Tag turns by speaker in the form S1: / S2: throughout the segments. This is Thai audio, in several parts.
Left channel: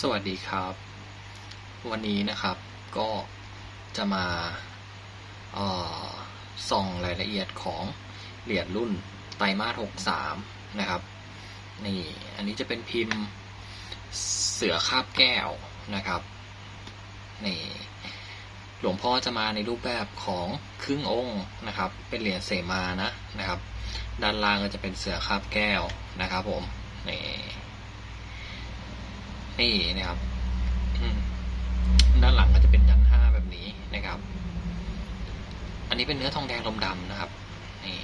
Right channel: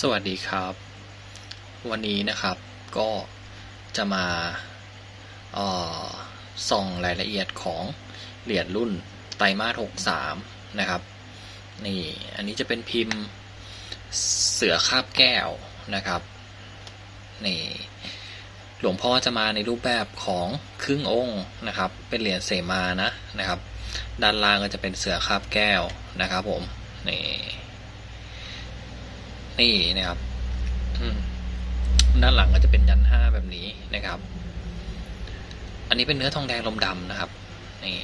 S1: สวัสดีครับ วันนี้นะครับก็จะมาส่องรายละเอียดของเหรียญรุ่นไตรมาส63 นะครับนี่อันนี้จะเป็นพิมพ์เสือคาบแก้วนะครับนี่หลวงพ่อจะมาในรูปแบบของครึ่งองค์นะครับ เป็นเหรียญเสมานะนะครับ ด้านล่างก็จะเป็นเสือคาบแก้วนะครับผมนี่ นี่นะครับด้านหลังก็จะเป็นยันห้าแบบนี้นะครับ อันนี้เป็นเนื้อทองแดงลมดำนะครับนี่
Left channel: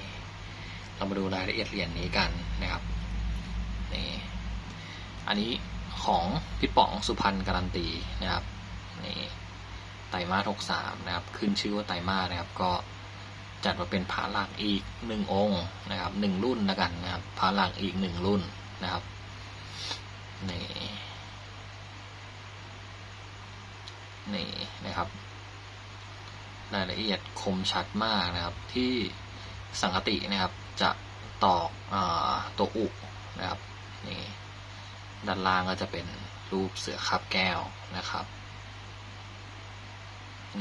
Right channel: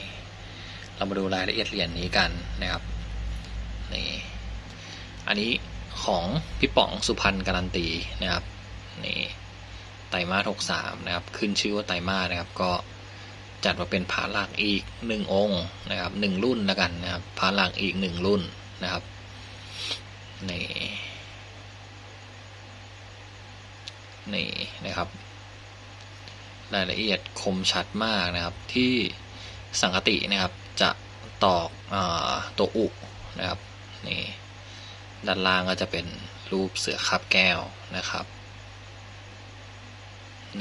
S1: เรามาดูรายละเอียดเหรียญนี้กันนะครับนี่อันนี้ของพี่ป๋องสุพรรณการันตีนะครับนี่ไตมาหกสามนะครับ ขึ้นชื่อว่าไตมานะครับ ก็จัดมาเป็นพระหลักอีกหนึ่งองค์นะครับหนึ่งรุ่นแล้วกันนะครับพระหลักอีกหนึ่งรุ่นนะครับนี่ นี่นะครับ รายละเอียดคมชัดมากนะครับ ที่สังคตินะครับ จะตอกอตัวอุนะครับนี่ด้านล่างก็จะเป็นรูปเสือคับแก้วนะครับ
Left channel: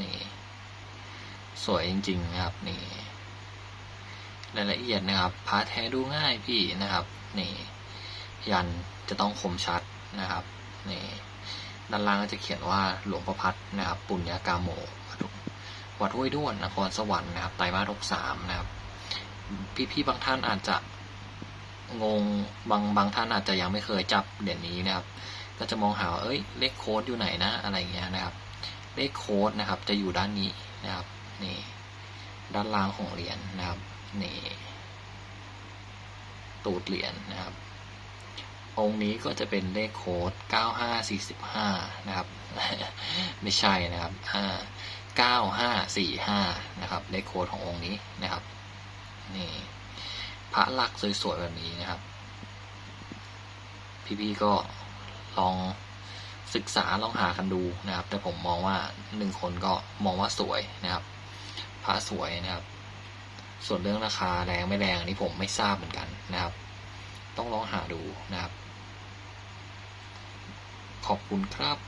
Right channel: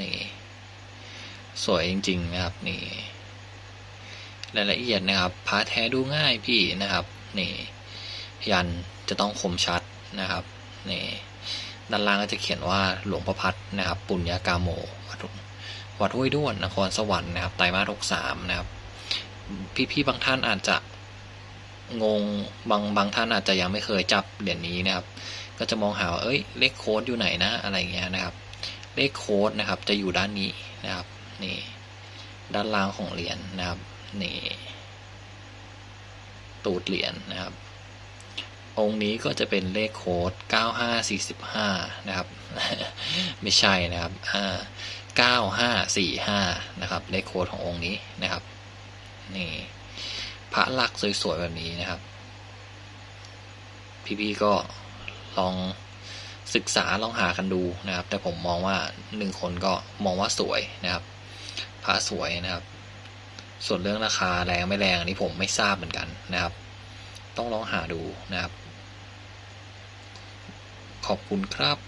S1: นี่สวยจริง ๆ นะครับนี่รายละเอียดนะครับพาแท้ดูง่ายพี่นะครับนี่ยันจะต้องคมชัดนะครับนี่ ด้านล่างก็จะเขียนว่าหลวงประพัฒนะครับปุญญากาโม วัดห้วยด้วนนครสวรรค์นะครับไตรมาสหกสามนะครับพี่ๆบางท่านอาจจะงงบางบางท่านอาจจะยังไม่เคยจับเหรียญนี้นะครับ ก็จะมองหาว่าเอ้ยเลขโค้ดอยู่ไหนนะอะไรเงี้ยนะครับ เลขโค้ดนะครับจะอยู่ด้านนี้นะครับนี่ด้านล่างของเหรียญนะครับนี่ตูดเหรียญนะครับ องค์นี้ก็จะเป็นเลขโค้ด 9545 นะครับ ไม่ใช่นะครับอ่า9545 นะครับ เลขโค้ดขององค์นี้นะครับ นี่พระลักษณ์สวยๆแบบนี้นะครับ พี่ๆก็ลองศึกษาลองหากันดูนะครับ แต่ผมมองว่าหนึ่งคนก็มองว่าสวยนะครับ พระสวยนะครับ ส่วนเรื่องราคาแรงไม่แรงนนี้ผมไม่ทราบเหมือนกันนะครับ ต้องลองหาดูนะครับ ขอบคุณครับ